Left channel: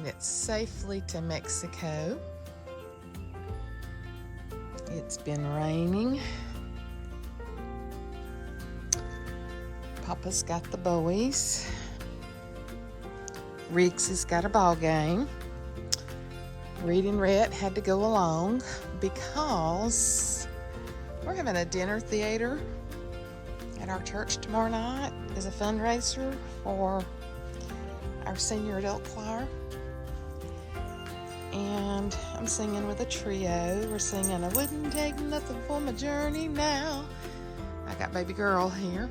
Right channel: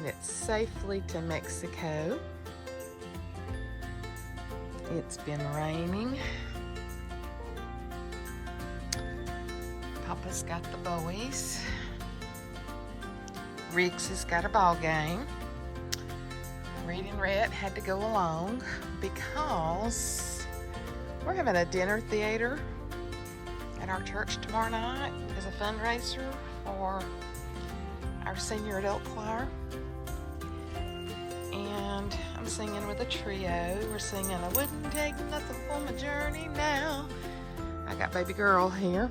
made it safely to Mexico. It's been raining. Papa's got the boys. Riggs has got a ball game. Reading Rhett had to go along because we're having a dinner theater at our church tomorrow night as a fundraiser for our senior adult choir. And I'm singing with a trio. We're singing I Wouldn't Take Nothing for My Journey Now. I got baby girl here.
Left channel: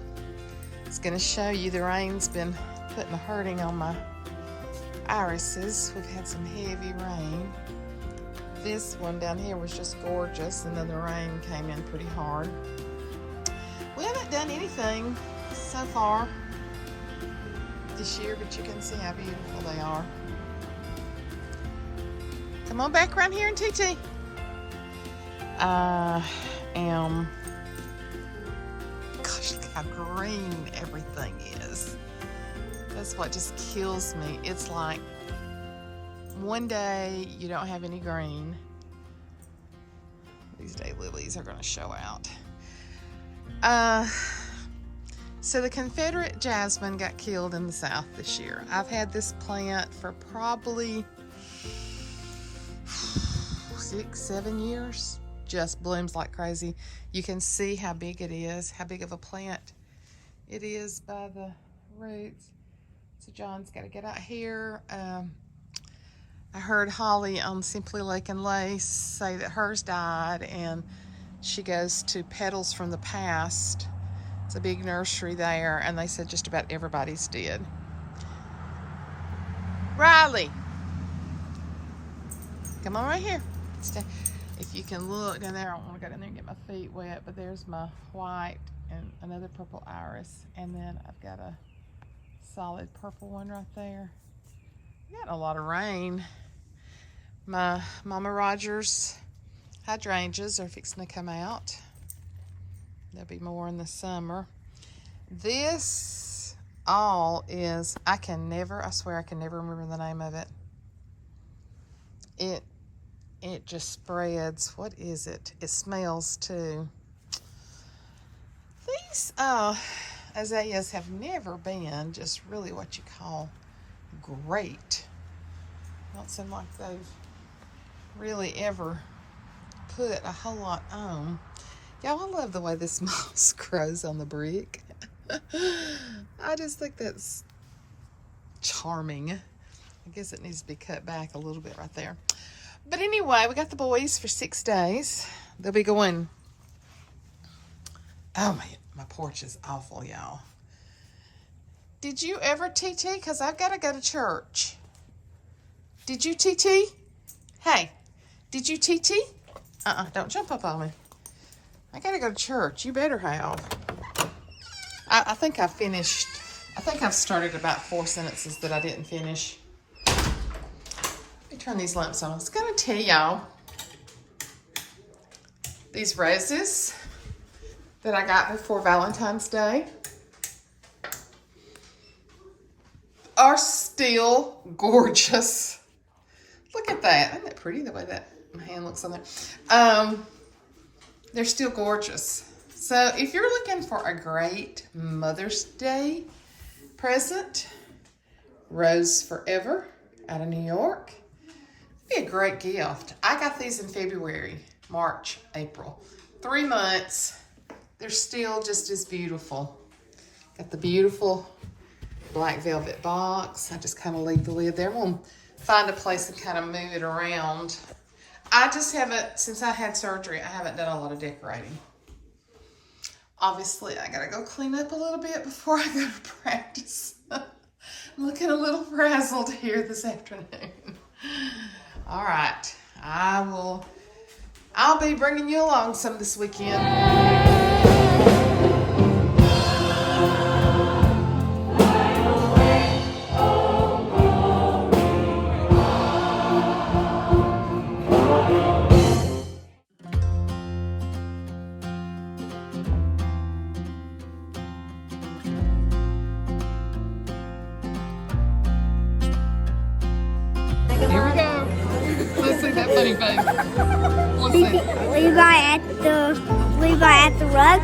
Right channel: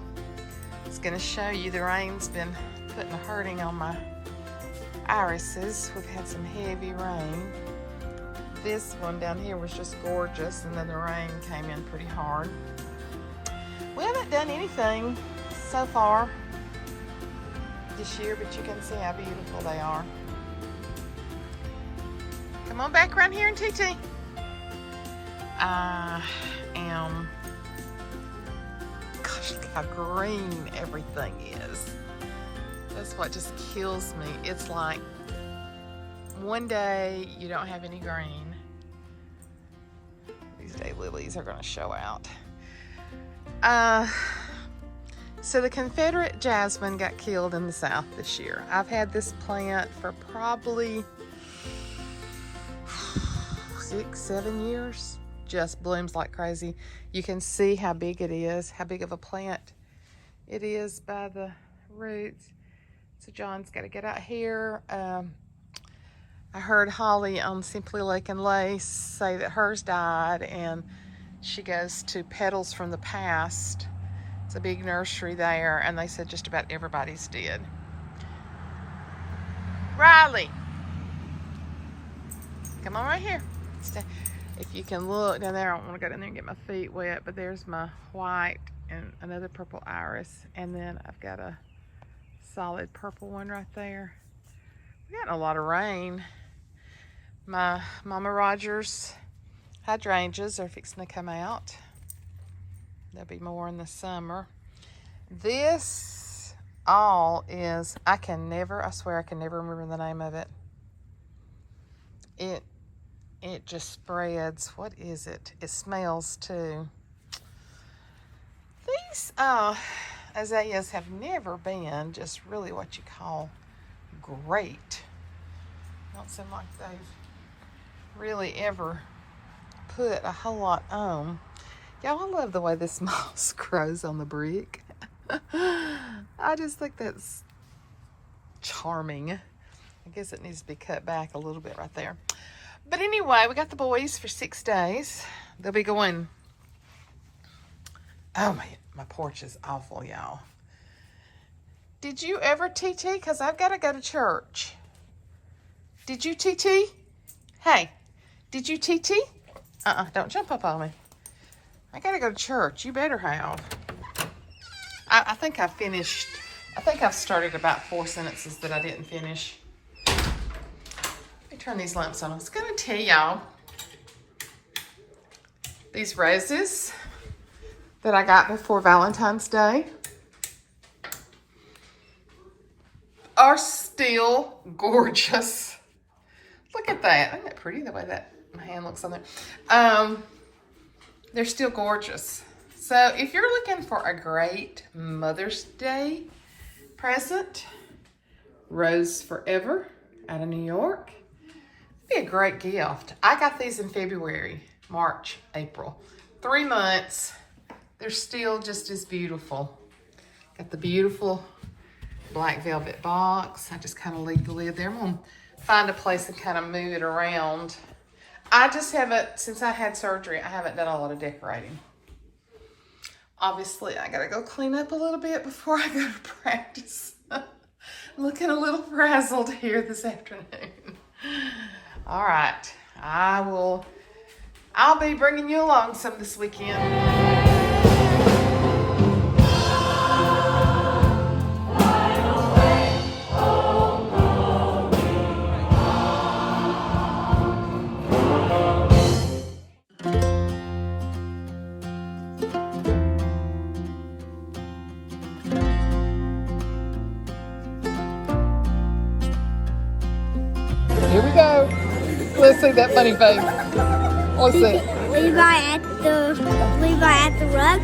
It's gonna show you the rain's been putting a hurting on my irises. We've had some heavy rain. This one down here was just gorgeous, and then the rain came in pretty hard. We haven't done anything so far this year, but you can see how beautiful they are. Come on back around here and TT. I am, gosh, look how green everything is. That's what just kills me. It's like one day you don't have any green. These daylilies are going to show out. So the Confederate jasmine got killed in the South this year. I've had this plant for probably 6-7 years. Just blooms like crazy. You can see how big it is, how big of a plant it is by the roots. So John's got to get out here. I heard Holly on Simply Lake and Lace say that hers died, and she goes to Petals from the Past. It's a big nursery there, and they said just about everybody's did. Riley, come on right here. Stay. If you can look down there, I don't want to go down there and get my feet wet, but there's my white and another purple iris, and then I've got a solid purple one right there. We got a lot of rain. My Mama Rogers hydrangeas are fixing to come out. There'll be more in the summer. This all is, I swear I can never remember the name of it. It just spreads. What is it? It smells too. These azaleas have never been just really what you call great. Don't seem like they've really ever put a whole lot on. Y'all, I love the way this moss grows on the brick. I just think that's charming. I guess it needs to be cut back a little bit right there. But anyway, we got the boys for 6 days. They'll be going, oh man, my porch is awful, y'all. Did you ever TT? Because I've got to go to church. Did you TT? Hey, did you TT? Don't jump up on me. I got to go to church. You better have. I think I finished. I think I've started about 4 sentences that I didn't finish. Let me turn these lamps on. I was going to tell y'all these roses that I got before Valentine's Day are still gorgeous. Look at that. Isn't that pretty, the way that my hand looks on there? They're still gorgeous. So if you're looking for a great Mother's Day present, Rose Forever out of New York. It'd be a great gift. I got these in February, March, April. 3 months. They're still just as beautiful. Got the beautiful black velvet box. I just kind of leave the lid there. I'm going to find a place and kind of move it around. I just haven't, since I had surgery, I haven't done a lot of decorating. Obviously, I got to go clean up a little bit before I go to practice. I'm looking a little frazzled here this afternoon. All right, I'll be bringing you along some this weekend. Here we go. Let's see that funny face. Let's see. Levi at the rug.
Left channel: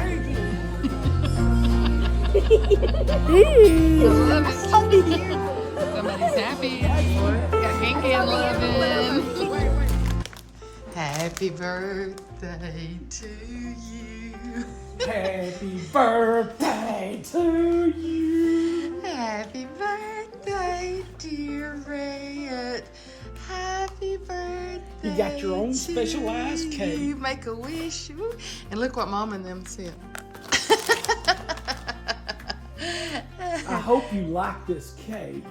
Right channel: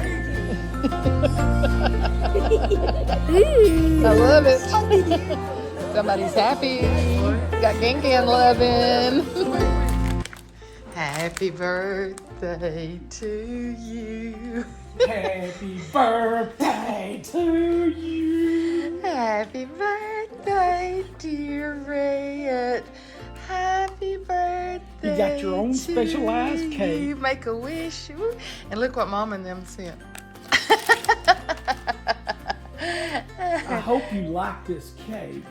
I love it. Somebody's happy. Got Gingan loving. Happy birthday to you. Happy birthday to you. Happy birthday, dear Rhett. Happy birthday. You got your own to specialized cake. You make a wish. And look what Mom and them sent. I hope you like this cake.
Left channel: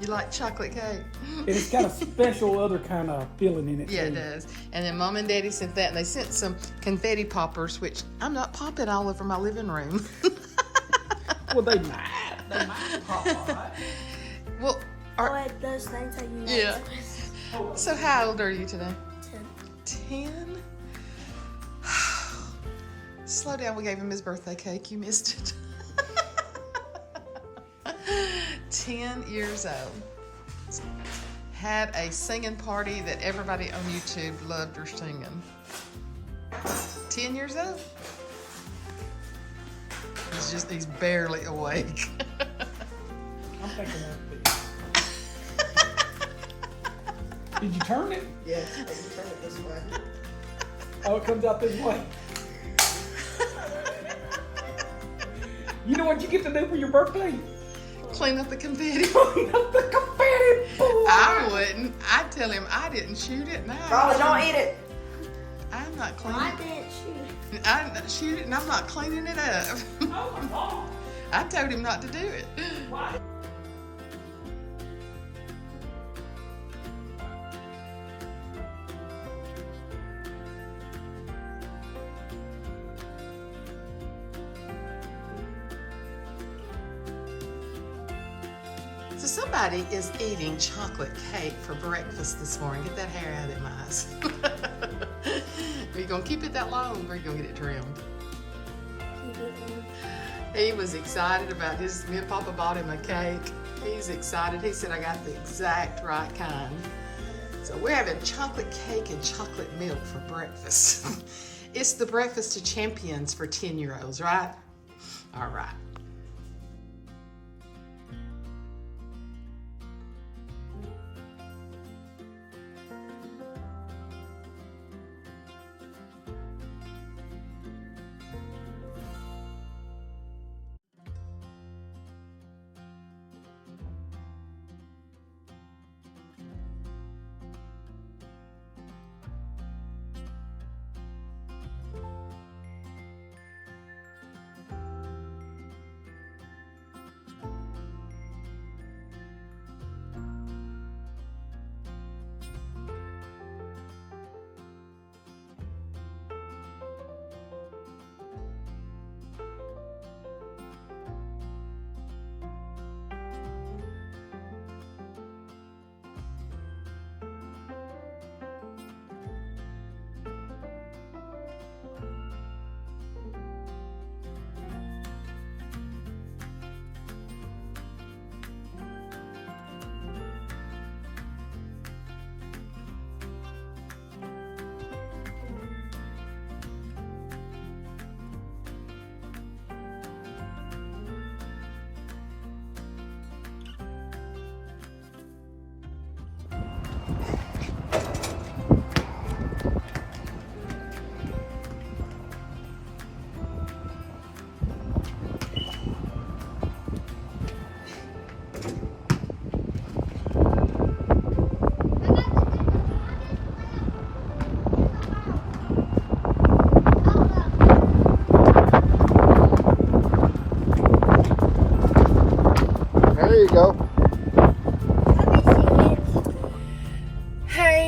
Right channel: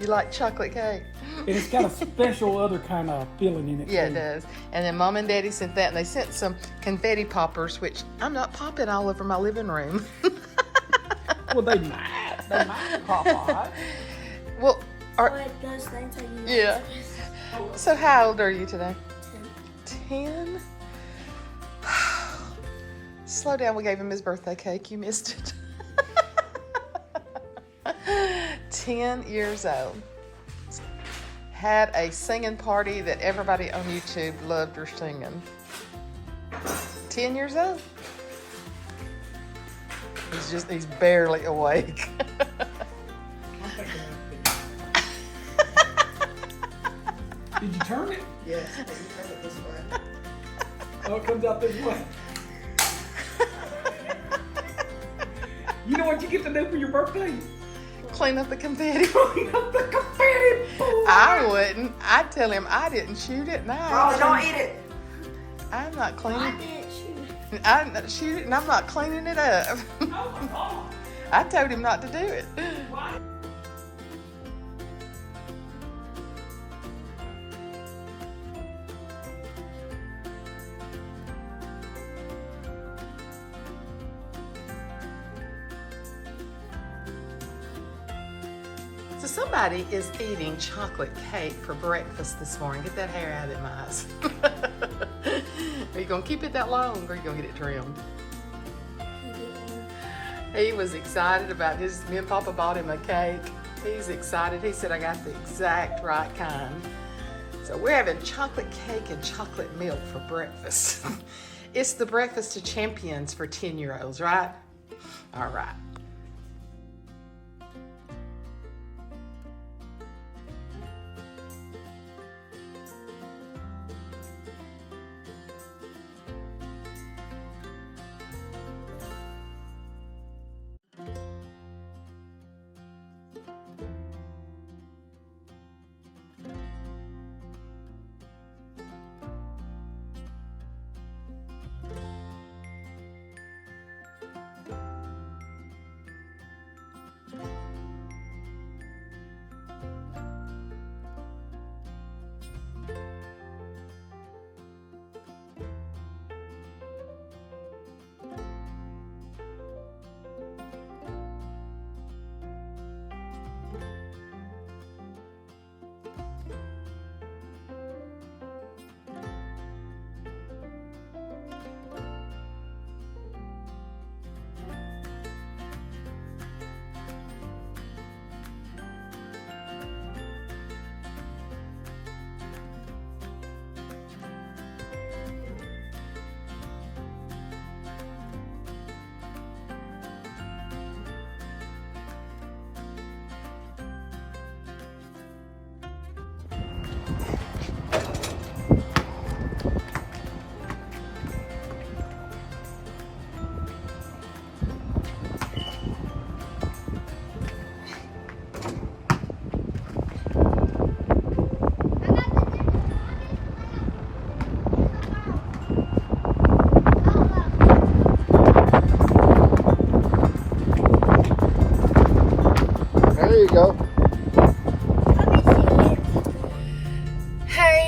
You like chocolate cake? And it's got a special other kind of feeling in it. Yeah, too. it does. And then Mom and Daddy sent that, and they sent some confetti poppers, which I'm not popping all over my living room. Well, they might pop out. Well, Those things are you. yeah. So how old are you today? 10. Slow down, we gave him his birthday cake. You missed it. 10 years old. Had a singing party that everybody on YouTube loved her singing. 10 years old. He's barely awake. Did you turn it? Yes, you turn it this way. Oh, it comes out this way. You know what you get to do for your birthday? Clean up the confetti. Clean up the confetti. I wouldn't. I'd tell him I didn't shoot it. No, don't eat it. I'm not cleaning. I didn't shoot. I didn't shoot it, and I'm not cleaning it up. I told him not to do it. So somebody is eating chocolate cake for breakfast this morning. Get that hair out of my eyes. Are you gonna keep it that long, or are you gonna get it trimmed? He was excited about his. Me and Papa bought him a cake. He's excited. He said, I got the exact right kind. So we're having chocolate cake and chocolate milk for breakfast. It's the breakfast of champions for 10-year-olds, right? All right.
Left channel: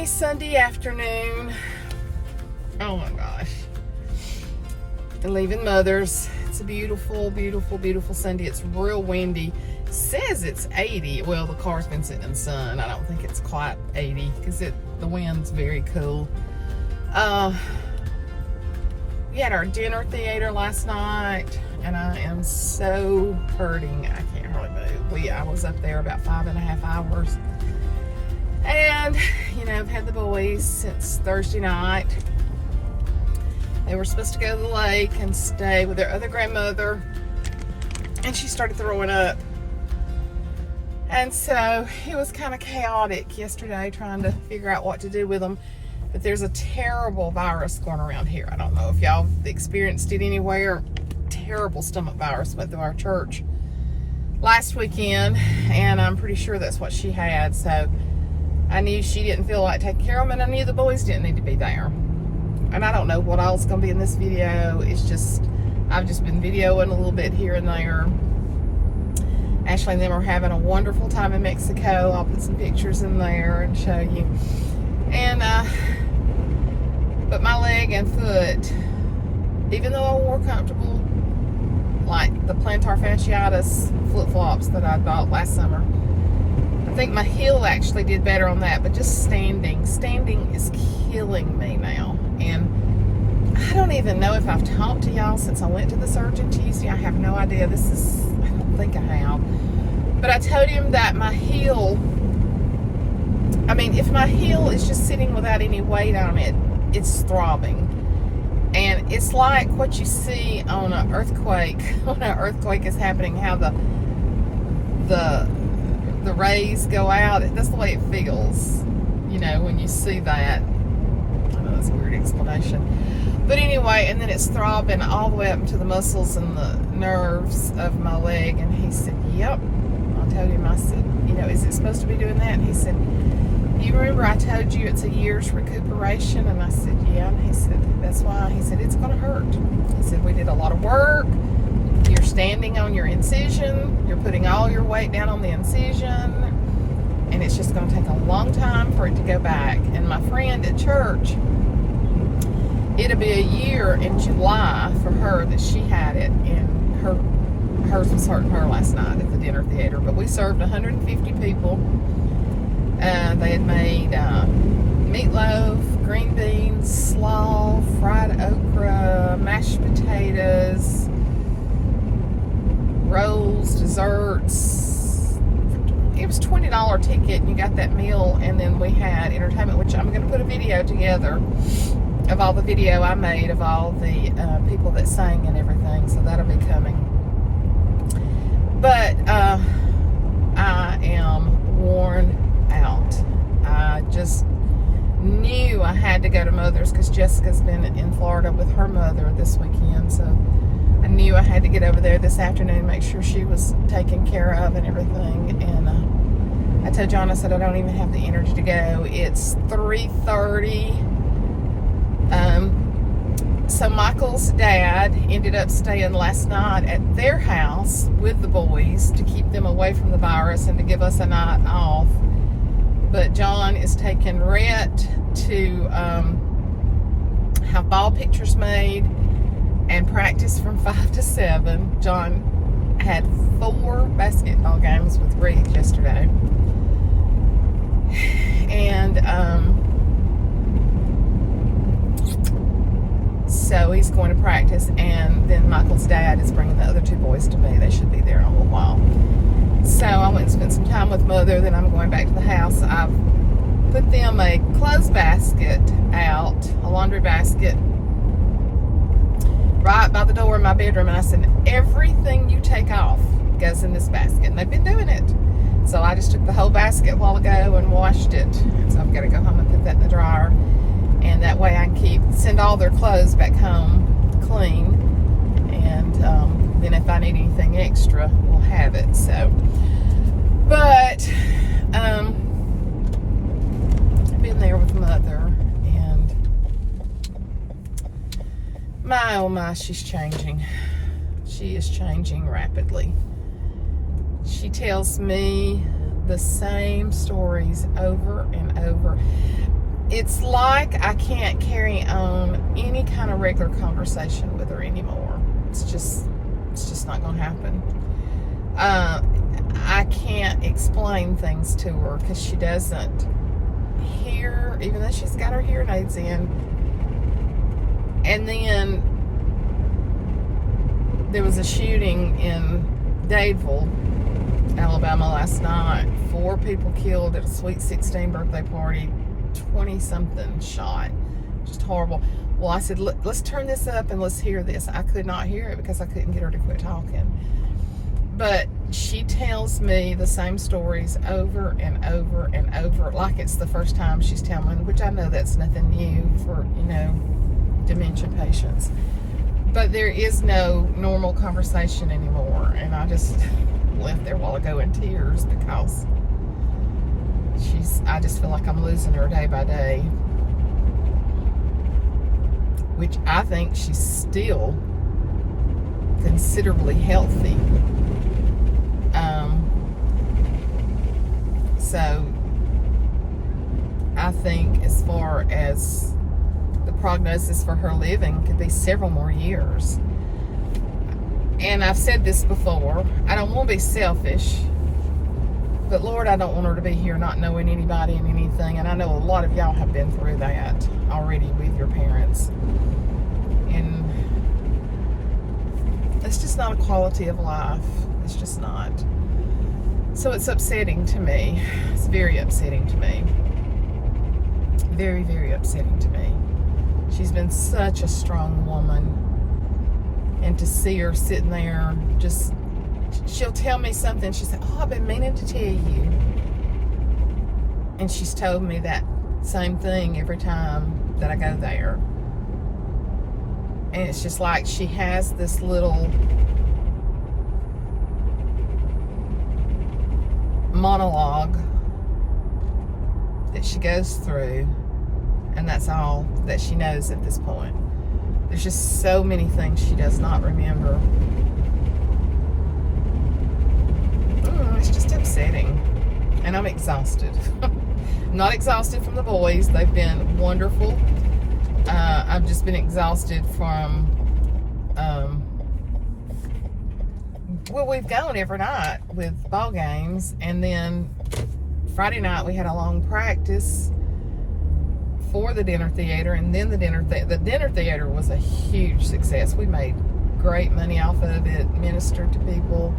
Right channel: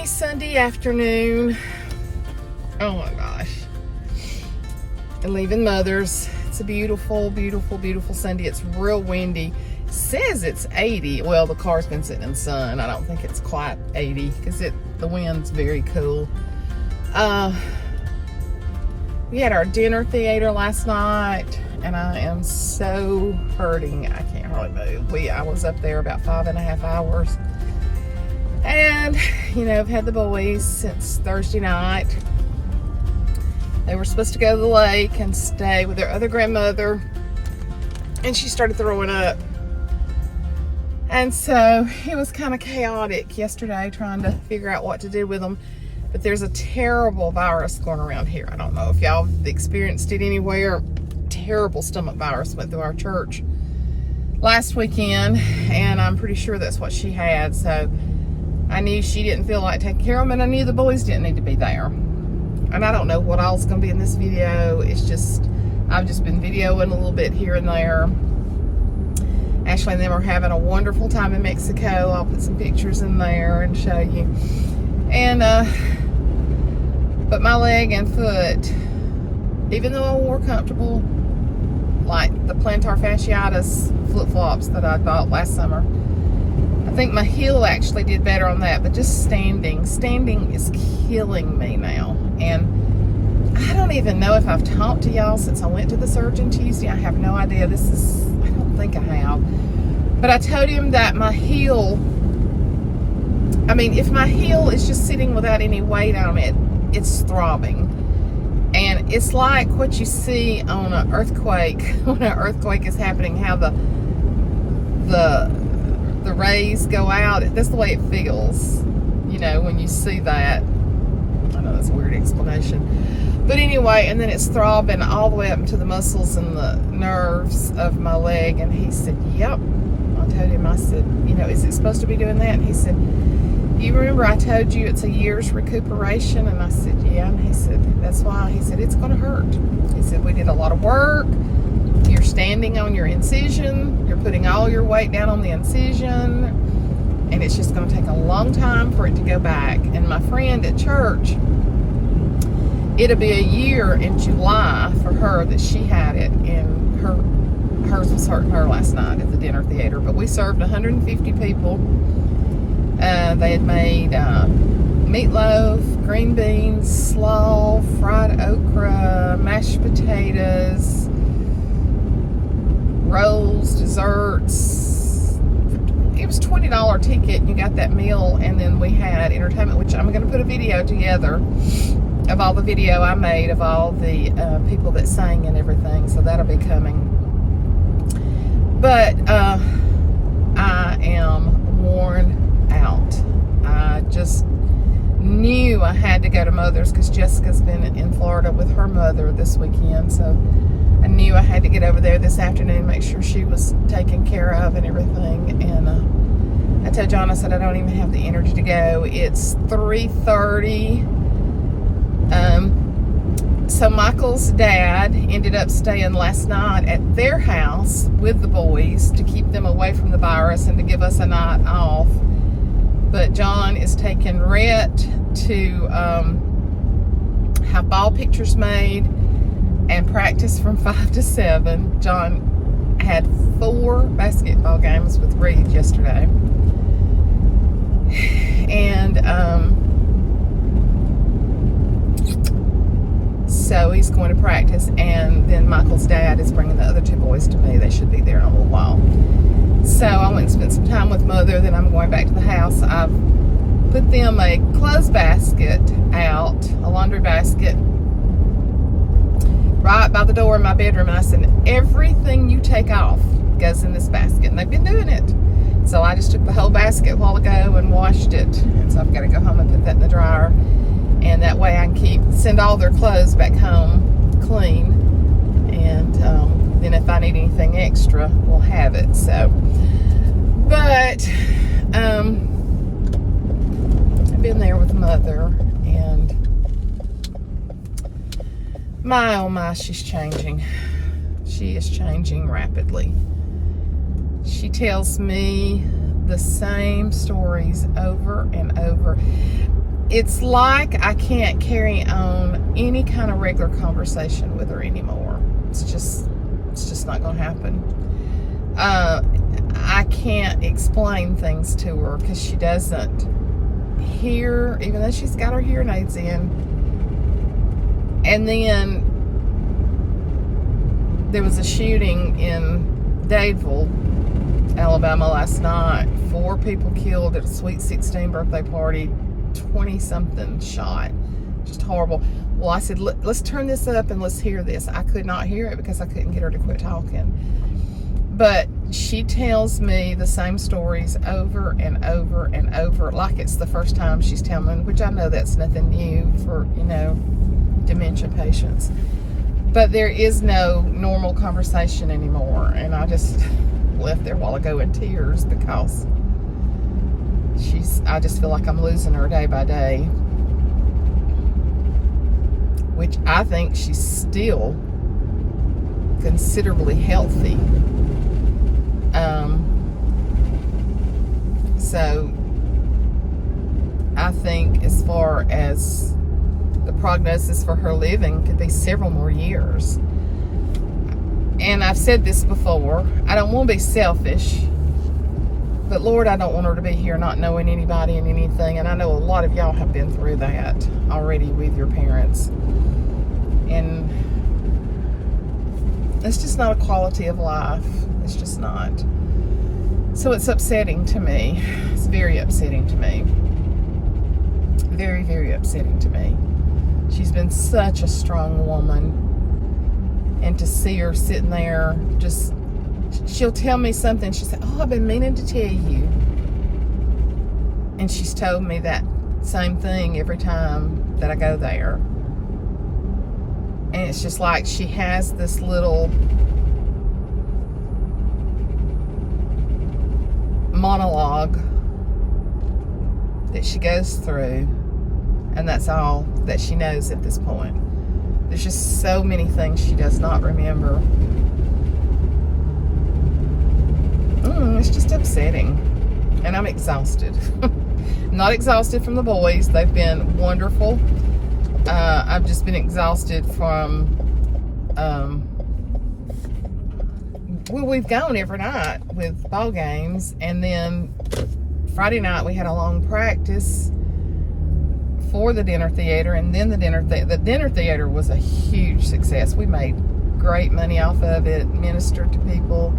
Sunday afternoon. Oh my gosh. And leaving Mother's. It's a beautiful, beautiful, beautiful Sunday. It's real windy. It says it's 80. Well, the car's been sitting in the sun. I don't think it's quite 80 because the wind's very cool. We had our dinner theater last night and I am so hurting. I can't hardly move. I was up there about 5.5 hours. And, you know, I've had the boys since Thursday night. They were supposed to go to the lake and stay with their other grandmother, and she started throwing up. And so it was kind of chaotic yesterday trying to figure out what to do with them. But there's a terrible virus going around here. I don't know if y'all experienced it anywhere. Terrible stomach virus went through our church last weekend, and I'm pretty sure that's what she had. So I knew she didn't feel like taking care of them, and I knew the boys didn't need to be there. And I don't know what all's going to be in this video. It's just, I've just been videoing a little bit here and there. Ashley and them are having a wonderful time in Mexico. I'll put some pictures in there and show you. And, but my leg and foot, even though I wore comfortable, like the plantar fasciitis flip-flops that I bought last summer, I think my heel actually did better on that, but just standing is killing me now. And I don't even know if I've talked to y'all since I went to the surgeon Tuesday. I have no idea. I don't think I have. But I told him that my heel, I mean, if my heel is just sitting without any weight on it, it's throbbing. And it's like what you see on an earthquake, when an earthquake is happening, how the rays go out. That's the way it feels, you know, when you see that. I know that's a weird explanation. But anyway, and then it's throbbing all the way up into the muscles and the nerves of my leg. And he said, yep. I told him, I said, you know, is it supposed to be doing that? And he said, you remember I told you it's a year's recuperation? And I said, yeah. And he said, that's why. He said, it's going to hurt. He said, we did a lot of work. You're standing on your incision. You're putting all your weight down on the incision. And it's just going to take a long time for it to go back. And my friend at church, it'll be a year in July for her that she had it. And hers was hurting her last night at the dinner theater. But we served 150 people. They had made meatloaf, green beans, slaw, fried okra, mashed potatoes, rolls, desserts. It was a $20 ticket. You got that meal, and then we had entertainment, which I'm going to put a video together of all the video I made of all the people that sang and everything. So that'll be coming. But I am worn out. I just knew I had to go to Mother's because Jessica's been in Florida with her mother this weekend. So I knew I had to get over there this afternoon, make sure she was taken care of and everything. And I told John, I said, I don't even have the energy to go. It's 3:30. So Michael's dad ended up staying last night at their house with the boys to keep them away from the virus and to give us a night off. But John is taking Rhett to have ball pictures made and practice from 5 to 7. John had 4 basketball games with Reed yesterday. And so he's going to practice, and then Michael's dad is bringing the other 2 boys to me. They should be there in a little while. So I went and spent some time with Mother. Then I'm going back to the house. I've put them a clothes basket out, a laundry basket, right by the door in my bedroom. And I said, everything you take off goes in this basket. And they've been doing it. So I just took the whole basket a while ago and washed it. And so I've got to go home and put that in the dryer. And that way I can send all their clothes back home clean. And then if I need anything extra, we'll have it. So, but I've been there with Mother, and my oh my, she's changing. She is changing rapidly. She tells me the same stories over and over. It's like I can't carry on any kind of regular conversation with her anymore. It's just not going to happen. I can't explain things to her because she doesn't hear, even though she's got her hearing aids in. And then there was a shooting in Dadeville, Alabama last night. 4 people killed at a Sweet 16 birthday party, 20-something shot. Just horrible. Well, I said, let's turn this up and let's hear this. I could not hear it because I couldn't get her to quit talking. But she tells me the same stories over and over and over, like it's the first time she's telling, which I know that's nothing new for, dementia patients. But there is no normal conversation anymore. And I just left there a while ago in tears because I just feel like I'm losing her day by day. Which I think she's still considerably healthy. So I think as far as the prognosis for her living could be several more years. And I've said this before, I don't want to be selfish, but Lord, I don't want her to be here not knowing anybody and anything. And I know a lot of y'all have been through that already with your parents. And it's just not a quality of life. It's just not. So it's upsetting to me. It's very upsetting to me. Very, very upsetting to me. She's been such a strong woman. And to see her sitting there, just, she'll tell me something. She said, oh, I've been meaning to tell you. And she's told me that same thing every time that I go there. And it's just like she has this little monologue that she goes through, and that's all that she knows at this point. There's just so many things she does not remember. It's just upsetting, and I'm exhausted. Not exhausted from the boys. They've been wonderful. I've just been exhausted from well, we've gone every night with ball games, and then Friday night we had a long practice for the dinner theater, and then the dinner theater was a huge success. We made great money off of it, ministered to people,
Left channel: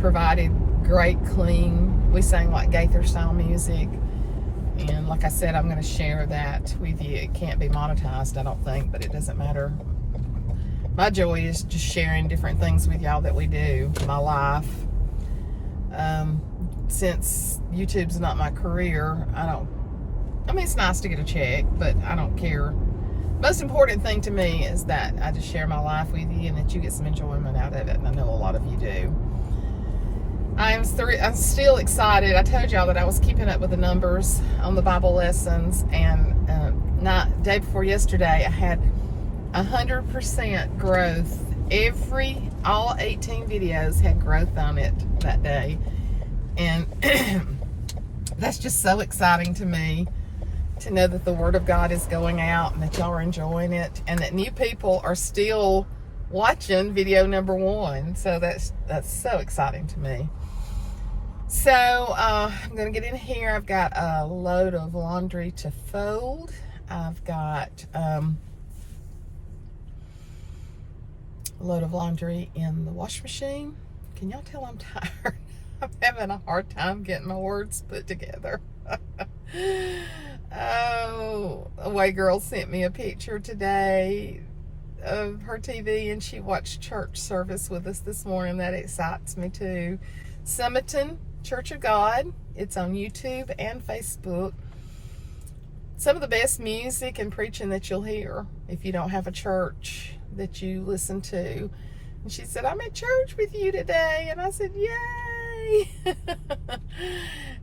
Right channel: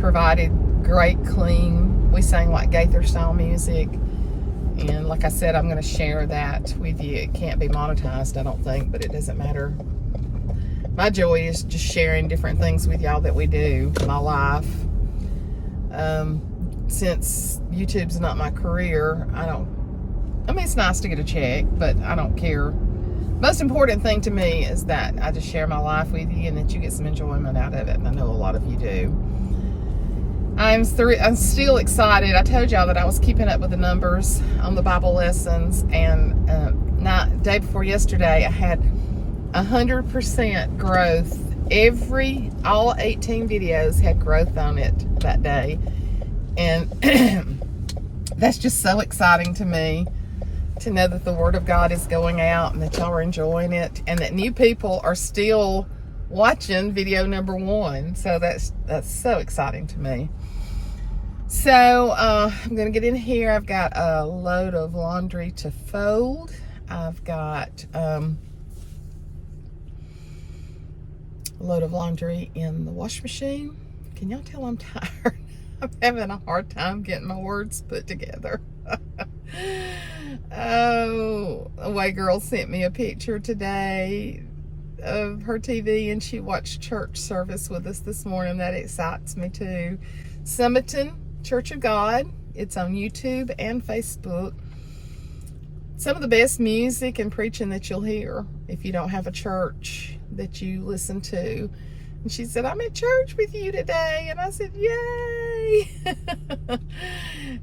provided great clean, we sang like Gaither style music, and like I said, I'm going to share that with you. It can't be monetized, I don't think, but it doesn't matter. My joy is just sharing different things with y'all that we do in my life. Since YouTube's not my career, it's nice to get a check, but I don't care. Most important thing to me is that I just share my life with you and that you get some enjoyment out of it, and I know a lot of you do. I'm still excited. I told y'all that I was keeping up with the numbers on the Bible lessons, and day before yesterday I had 100% growth. All 18 videos had growth on it that day, and that's just so exciting to me to know that the Word of God is going out and that y'all are enjoying it, and that new people are still watching video number 1. So that's so exciting to me. So I'm gonna get in here. I've got a load of laundry to fold. I've got a load of laundry in the wash machine. Can y'all tell I'm tired? I'm having a hard time getting my words put together. Oh, a white girl sent me a picture today of her TV, and she watched church service with us this morning. That excites me too. Summerton Church of God. It's on YouTube and Facebook. Some of the best music and preaching that you'll hear if you don't have a church that you listen to. And she said, I'm at church with you today. And I said, yay.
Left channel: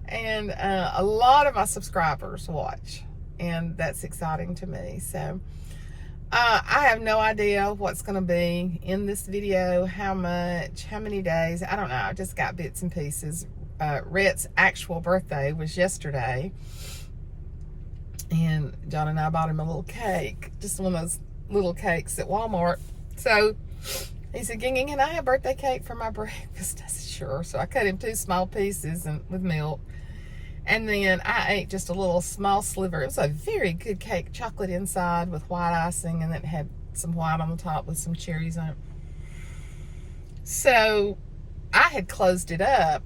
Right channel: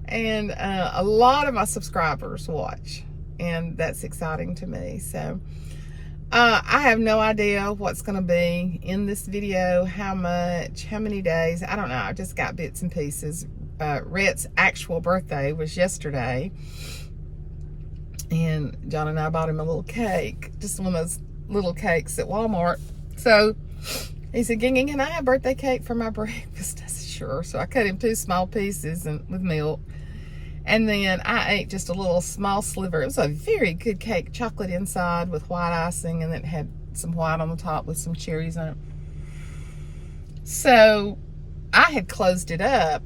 And a lot of my subscribers watch, and that's exciting to me. So I have no idea what's going to be in this video, how many days, I don't know. I just got bits and pieces. Rhett's actual birthday was yesterday, and John and I bought him a little cake, just one of those little cakes at Walmart. So he said, Ging, can I have birthday cake for my breakfast? I said, sure. So I cut him 2 small pieces with milk. And then I ate just a little small sliver. It was a very good cake, chocolate inside with white icing, and then it had some white on the top with some cherries on it. So I had closed it up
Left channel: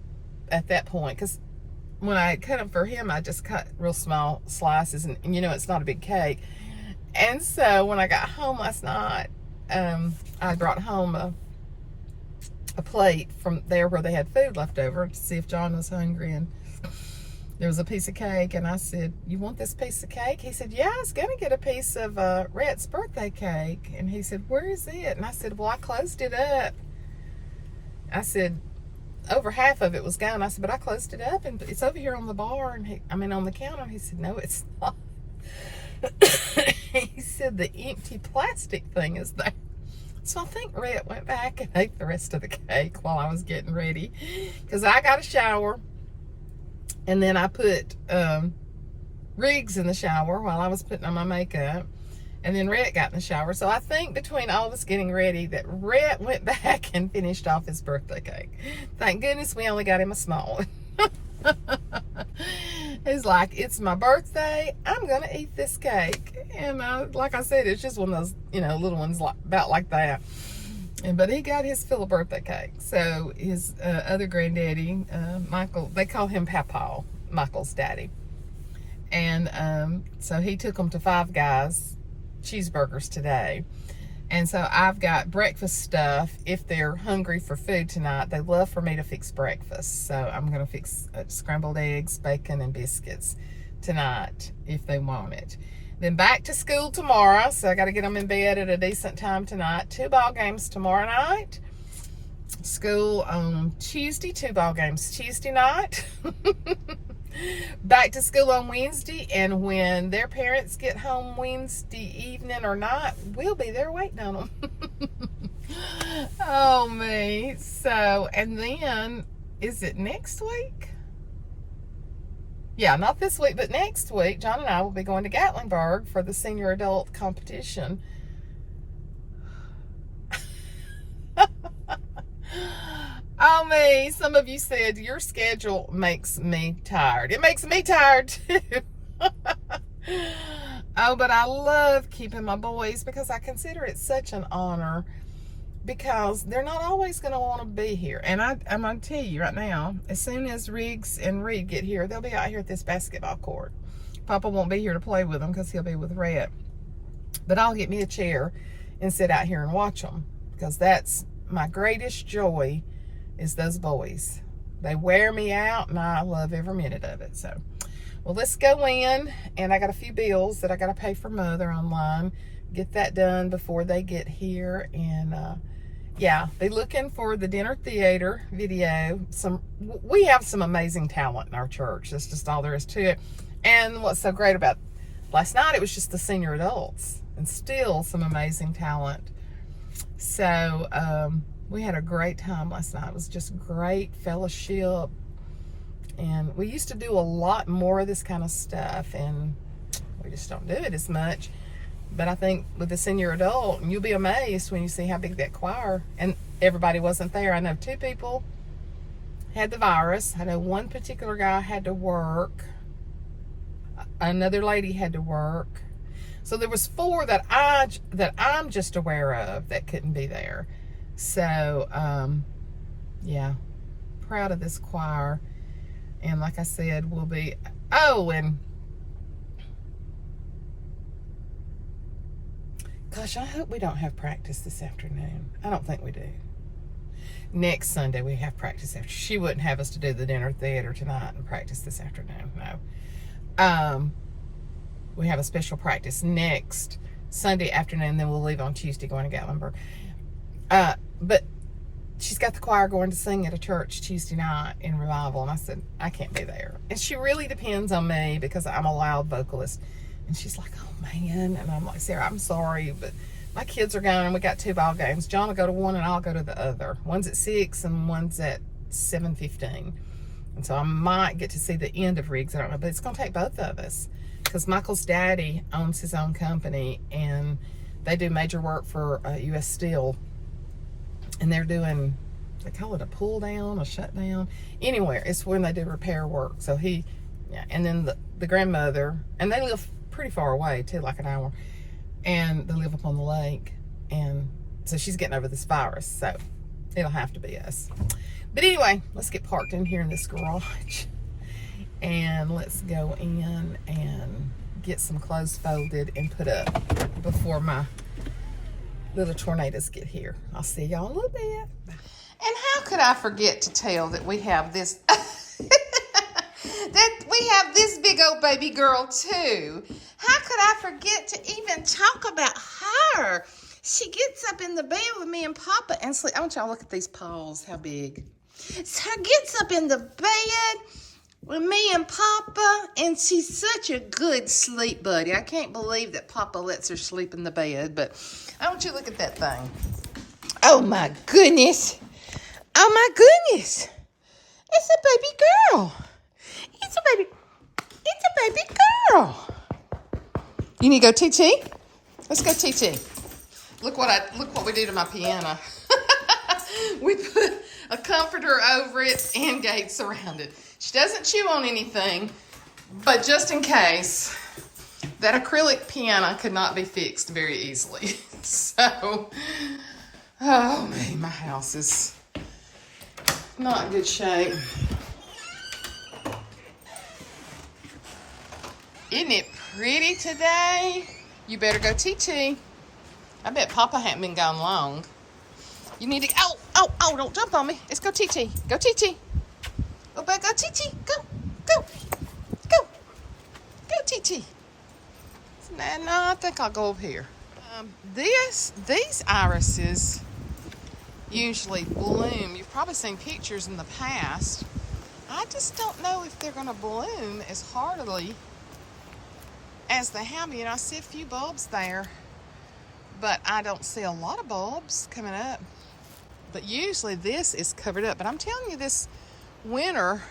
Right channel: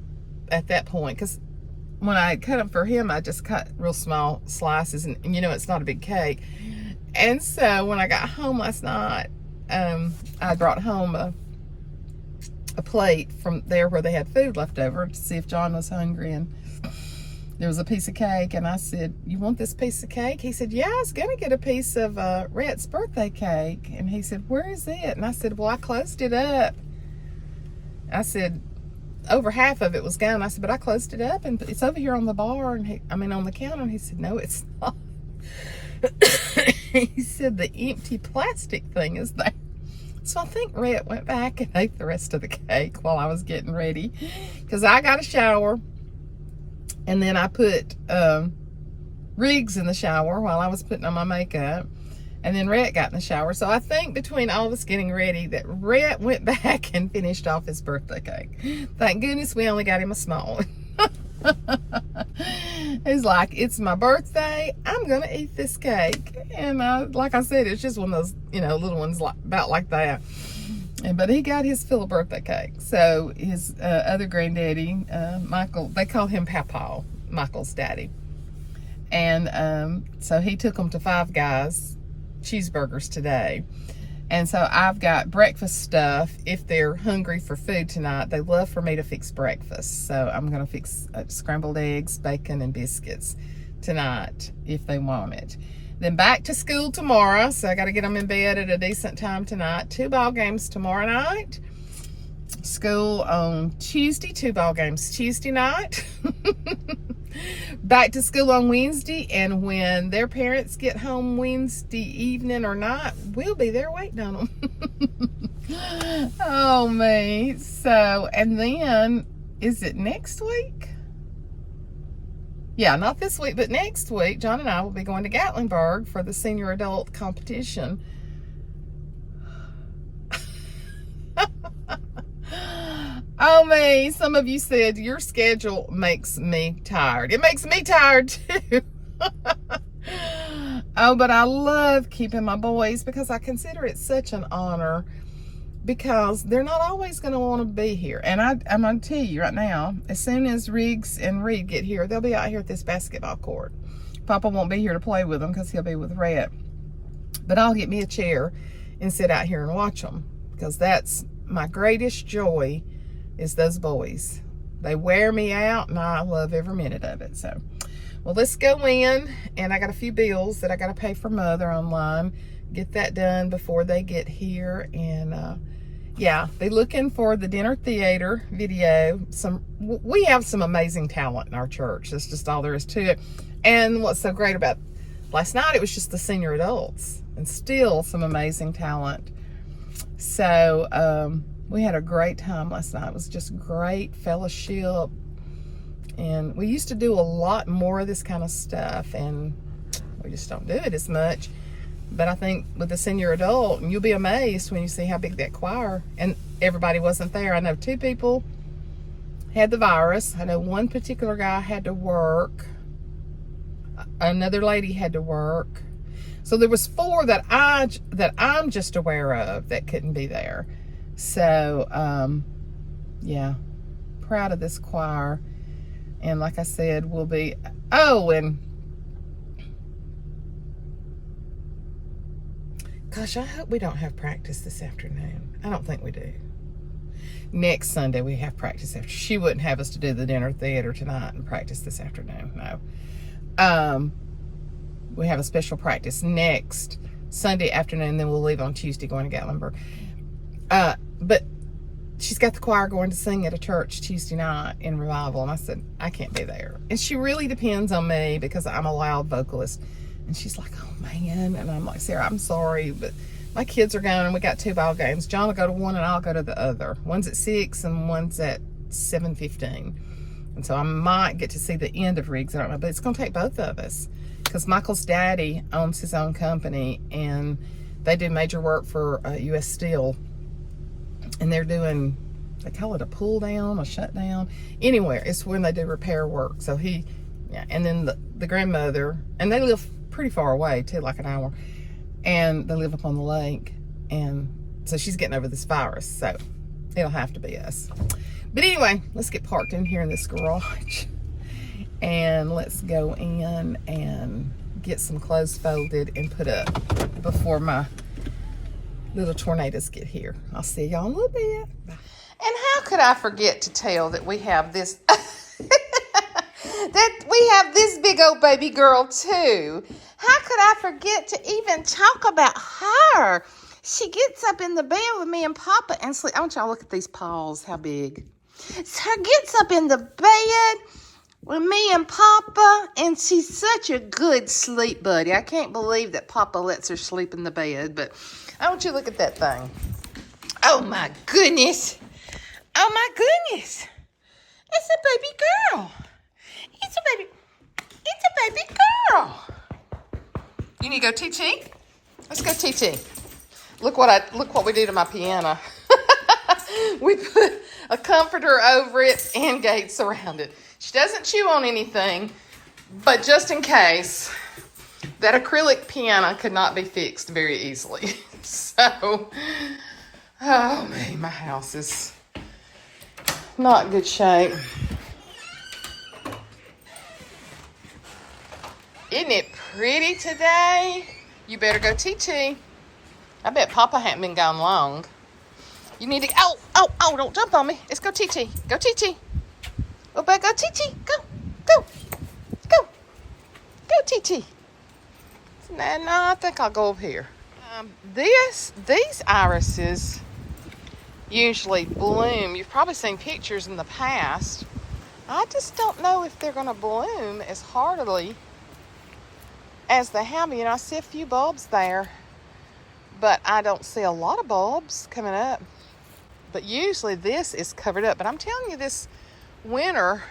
at that point because when I cut them for him, I just cut real small slices, and you know, it's not a big cake. And so when I got home last night, I brought home a plate from there where they had food left over to see if John was hungry, and there was a piece of cake, and I said, "You want this piece of cake?" He said, "Yeah, I was gonna get a piece of Rhett's birthday cake." And he said, "Where is it?" And I said, "Well, I closed it up." I said, over half of it was gone. I said, "But I closed it up and it's over here on the bar," and on the counter. And he said, "No, it's not." He said, "The empty plastic thing is there." So I think Rhett went back and ate the rest of the cake while I was getting ready, because I got a shower, and then I put Riggs in the shower while I was putting on my makeup, and then Rhett got in the shower. So I think between all of us getting ready that Rhett went back and finished off his birthday cake. Thank goodness we only got him a small one. He's like, "It's my birthday, I'm gonna eat this cake." And like I said, it's just one of those, you know, little ones about like that. But he got his fill of birthday cake. So his other granddaddy, Michael, they call him Papa, Michael's daddy. And so he took them to Five Guys cheeseburgers today. And so I've got breakfast stuff. If they're hungry for food tonight, they love for me to fix breakfast. So I'm going to fix scrambled eggs, bacon, and biscuits tonight if they want it. Then back to school tomorrow. So I got to get them in bed at a decent time tonight. 2 ball games tomorrow night. School on Tuesday. 2 ball games Tuesday night. Back to school on Wednesday, and when their parents get home Wednesday evening or night, we'll be there waiting on them. Oh, me. So, and then, is it next week? Yeah, not this week, but next week, John and I will be going to Gatlinburg for the senior adult competition. Oh, me. Some of you said your schedule makes me tired. It makes me tired, too. Oh, but I love keeping my boys because I consider it such an honor, because they're not always going to want to be here. And I'm going to tell you right now, as soon as Riggs and Reed get here, they'll be out here at this basketball court. Papa won't be here to play with them because he'll be with Rhett. But I'll get me a chair and sit out here and watch them, because that's my greatest joy, is those boys. They wear me out, and I love every minute of it. So, well, let's go in, and I got a few bills that I got to pay for Mother online. Get that done before they get here. And yeah, they're looking for the dinner theater video. We have some amazing talent in our church. That's just all there is to it. And what's so great about last night, it was just the senior adults, and still some amazing talent. So we had a great time last night. It was just great fellowship, and we used to do a lot more of this kind of stuff, and we just don't do it as much. But I think with the senior adult, and you'll be amazed when you see how big that choir, and everybody wasn't there. I know 2 people had the virus. I know one particular guy had to work. Another lady had to work. So there was 4 that I'm just aware of that couldn't be there. So, yeah, proud of this choir. And like I said, we'll be, and gosh, I hope we don't have practice this afternoon. I don't think we do. Next Sunday we have practice after. She wouldn't have us to do the dinner theater tonight and practice this afternoon. No. We have a special practice next Sunday afternoon, then we'll leave on Tuesday going to Gatlinburg. But she's got the choir going to sing at a church Tuesday night in revival, and I said, I can't be there. And she really depends on me because I'm a loud vocalist. And she's like, oh man. And I'm like, Sarah, I'm sorry, but my kids are going, and we got 2 ball games. John will go to one and I'll go to the other. One's at 6 and one's at 7:15. And so I might get to see the end of Riggs. I don't know, but it's going to take both of us, because Michael's daddy owns his own company, and they do major work for U.S. Steel. And they're doing, they call it a pull down, a shutdown. Anywhere, it's when they do repair work. So and then the grandmother, and they live pretty far away too, like an hour. And they live up on the lake. And so she's getting over this virus. So it'll have to be us. But anyway, let's get parked in here in this garage. And let's go in and get some clothes folded and put up before my little tornadoes get here. I'll see y'all in a little bit. Bye. And how could I forget to tell that we have this that we have this big old baby girl too? How could I forget to even talk about her? She gets up in the bed with me and Papa and sleep. I want y'all to look at these paws, how big. So gets up in the bed with me and Papa, and she's such a good sleep buddy. I can't believe that Papa lets her sleep in the bed, but I want you to look at that thing. Oh my goodness. Oh my goodness. It's a baby girl. It's a baby girl. You need to go TT? Let's go TT. Look what we do to my piano. We put a comforter over it and gates around it. She doesn't chew on anything, but just in case, that acrylic piano could not be fixed very easily. So, oh man, my house is not in good shape. Isn't it pretty today? You better go TT. I bet Papa hadn't been gone long. You need to, oh, don't jump on me. Let's go TT. Go TT. Oh, back, go TT. Go TT. No, I think I'll go over here. These irises usually bloom. You've probably seen pictures in the past. I just don't know if they're going to bloom as heartily as they have. You know, I see a few bulbs there, but I don't see a lot of bulbs coming up. But usually this is covered up. But I'm telling you, this winter,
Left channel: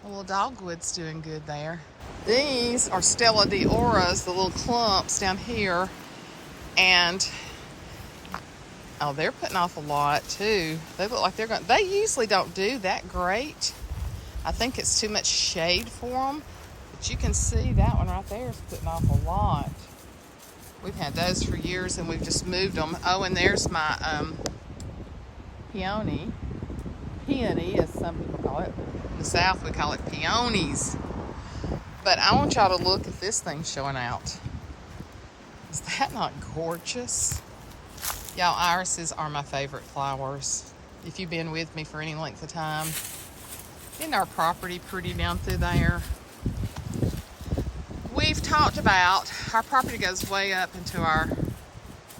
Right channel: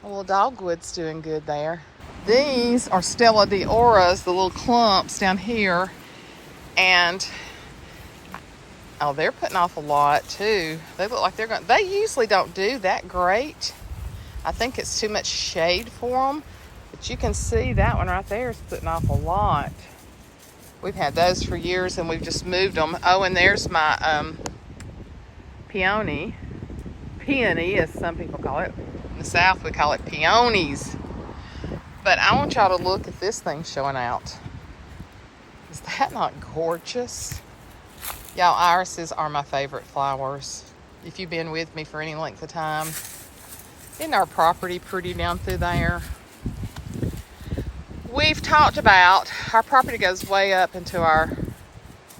the little dogwood's doing good there. These are Stella Dioras, the little clumps down here. And, oh, they're putting off a lot too. They look like they're going, they usually don't do that great. I think it's too much shade for them. But you can see that one right there is putting off a lot. We've had those for years and we've just moved them. Oh, and there's my peony, as some people call it. In the South, we call it peonies. But I want y'all to look at this thing showing out. Is that not gorgeous? Y'all, irises are my favorite flowers. If you've been with me for any length of time. Isn't our property pretty down through there? We've talked about, our property goes way up into our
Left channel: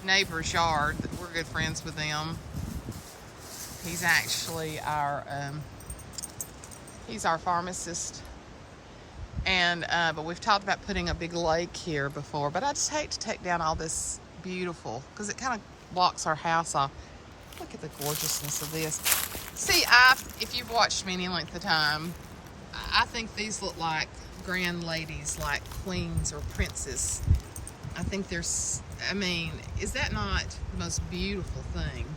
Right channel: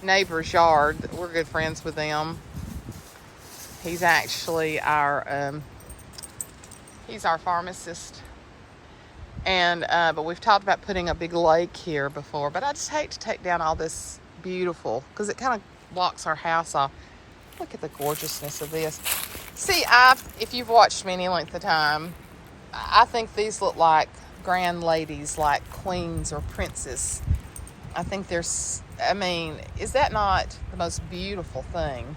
neighbor's yard. We're good friends with them. He's actually he's our pharmacist. And, but we've talked about putting a big lake here before, but I just hate to take down all this beautiful, because it kind of blocks our house off. Look at the gorgeousness of this. See, if you've watched me any length of time, I think these look like grand ladies, like queens or princes. I think there's, I mean, is that not the most beautiful thing?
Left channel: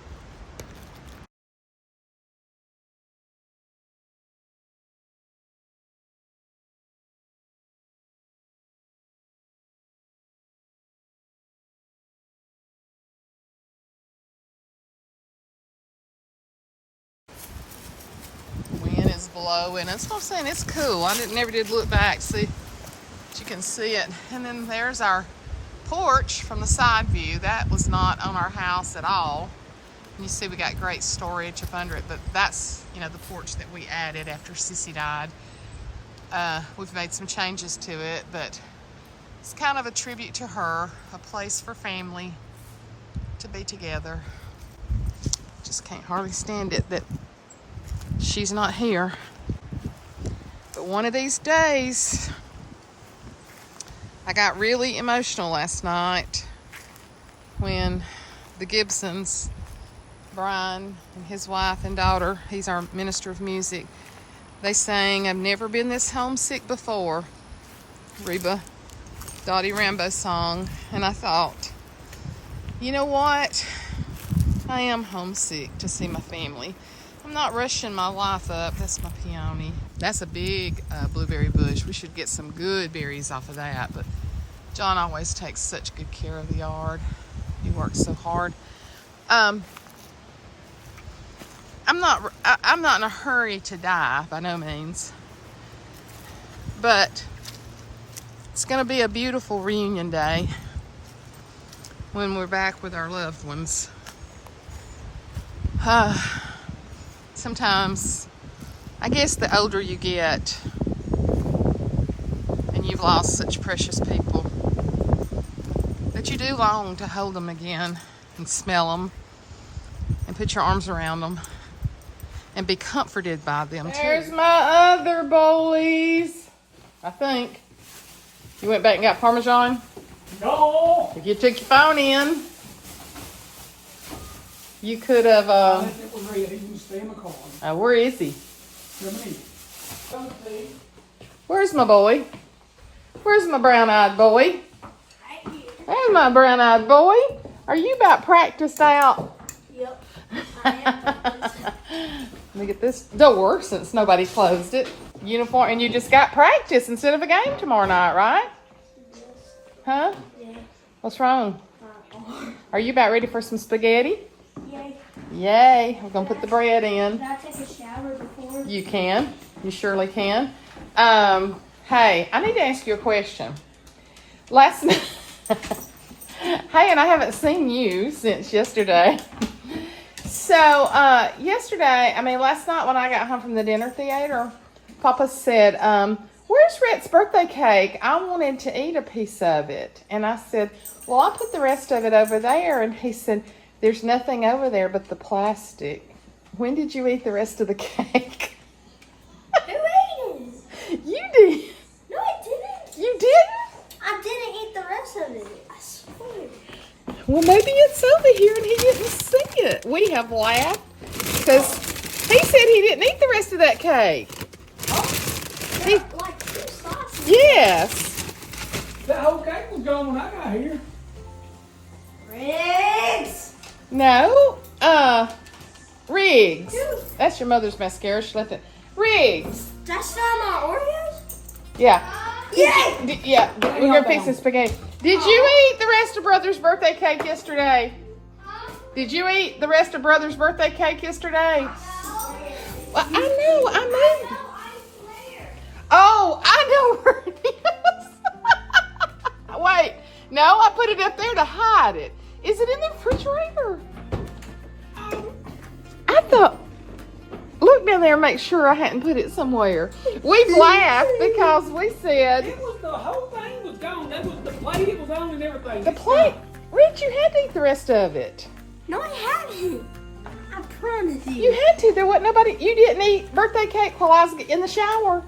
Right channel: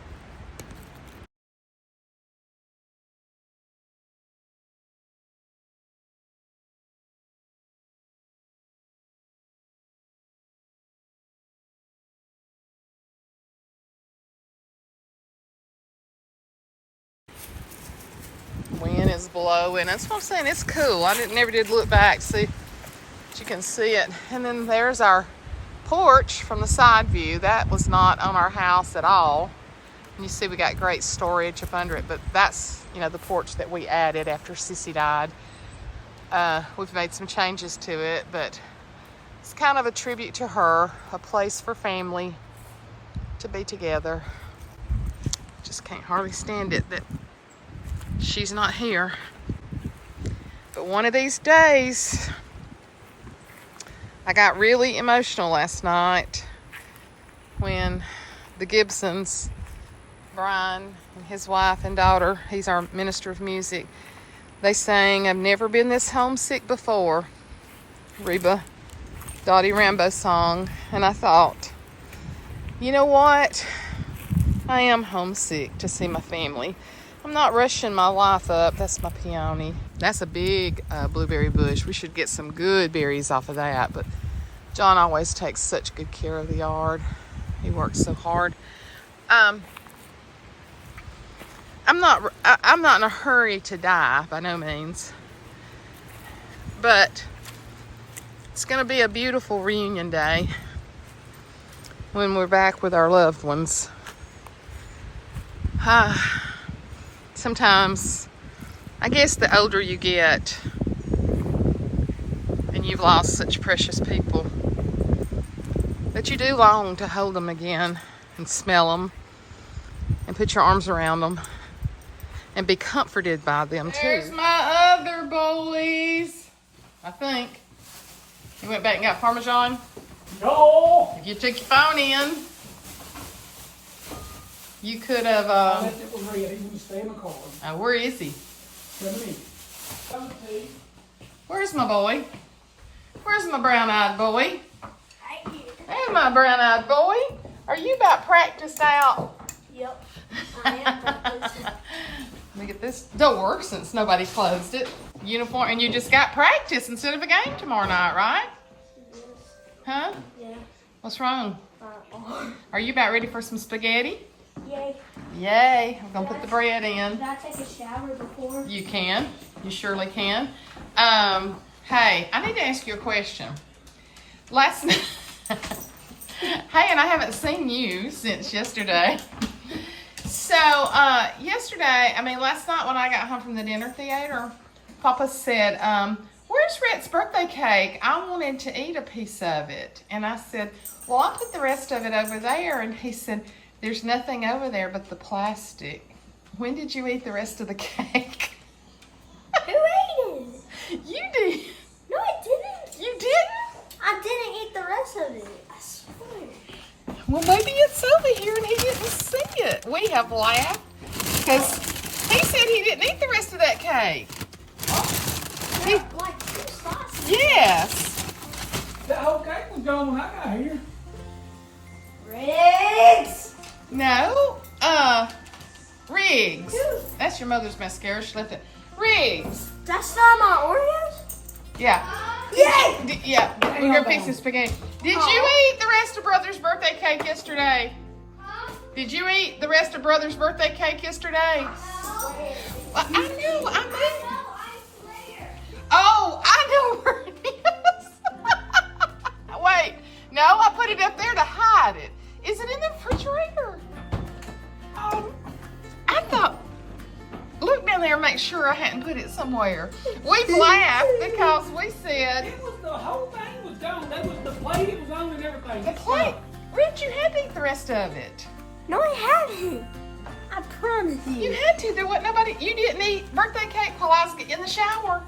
Wind is blowing. That's what I'm saying. It's cool. I never did look back, see if you can see it. And then there's our porch from the side view. That was not on our house at all. And you see we got great storage up under it, but that's, you know, the porch that we added after Sissy died. We've made some changes to it, but it's kind of a tribute to her, a place for family to be together. Just can't hardly stand it that she's not here. But one of these days, I got really emotional last night when the Gibsons, Brian and his wife and daughter, he's our minister of music, they sang "I've Never Been This Homesick Before," Reba Dottie Rambo song. And I thought, you know what? I am homesick to see my family. I'm not rushing my life up. That's my peony. That's a big blueberry bush. We should get some good berries off of that. But John always takes such good care of the yard. He works so hard. I'm not in a hurry to die, by no means. But it's going to be a beautiful reunion day when we're back with our loved ones. Sometimes, I guess the older you get and you've lost such precious people, that you do long to hold them again and smell them and put your arms around them and be comforted by them too. There's my other boys, I think. You went back and got Parmesan? No. If you took your phone in, you could have. Where is he? Where's my boy? Where's my brown-eyed boy? Hey, my brown-eyed boy. Are you about practiced out? Yep. I am. Let me get this door since nobody closed it. Uniform, and you just got practice instead of a game tomorrow night, right? Yes. Huh? Yeah. What's wrong? Are you about ready for some spaghetti? Yay. Yay. I'm going to put the bread in. Can I take a shower before? You can. You surely can. Hey, I need to ask you a question. Last night, hey, and I haven't seen you since yesterday. So, last night when I got home from the dinner theater, Papa said, where's Rhett's birthday cake? I wanted to eat a piece of it. And I said, well, I'll put the rest of it over there. And he said, there's nothing over there but the plastic. When did you eat the rest of the cake? Who ate it? You did. No, I didn't. You didn't? I didn't eat the rest of it. I swear. Well, maybe it's over here and he didn't see it. We have laughed because he said he didn't eat the rest of that cake. There are like 2 slices. Yes. That whole cake was gone when I got here. Riggs. No. Riggs. Dude. That's your mother's mascara. She left it. Riggs. That's not my Oreos? Yeah. Yay! Yeah. We're going to fix some spaghetti. Did you eat the rest of Brother's birthday cake yesterday? Did you eat the rest of Brother's birthday cake yesterday? Well, I know. I made. Oh, I know where it is. Wait. No, I put it up there to hide it. Is it in the refrigerator? I thought. Look down there and make sure I hadn't put it somewhere. We've laughed because we said. It was the whole thing was gone. That was the plate. It was on and everything. The plate. Rich, you had to eat the rest of it. No, I haven't. I promise you. You had to. There wasn't nobody. You didn't eat birthday cake while I was in the shower.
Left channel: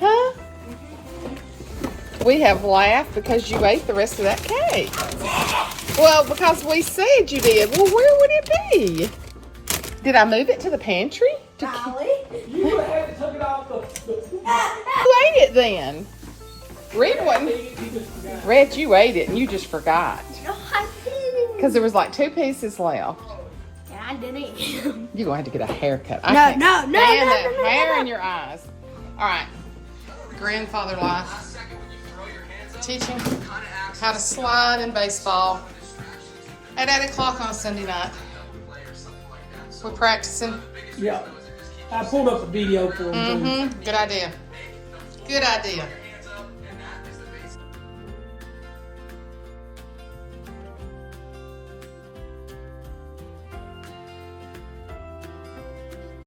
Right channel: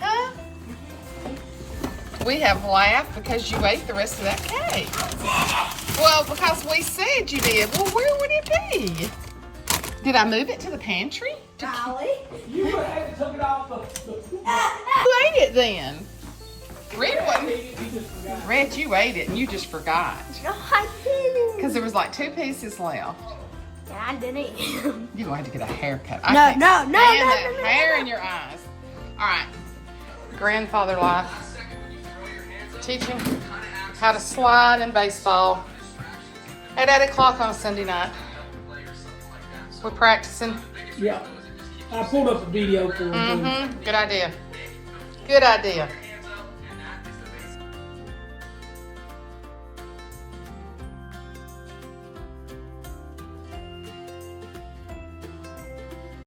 Huh? We have laughed because you ate the rest of that cake. Well, because we said you did. Well, where would it be? Did I move it to the pantry? Golly. You would have had to take it off the You ate it then. Red wasn't. he just forgot. Red, you ate it and you just forgot. No, I didn't. Because there was like 2 pieces left. Yeah, I didn't eat them. You're going to have to get a haircut. No, no, no, no, that no, hair no. in your eyes. All right. Grandfather life. Teaching how to slide in baseball at 8 o'clock on a Sunday night. We're practicing. Yeah. I pulled up a video for him. Good idea. Good idea.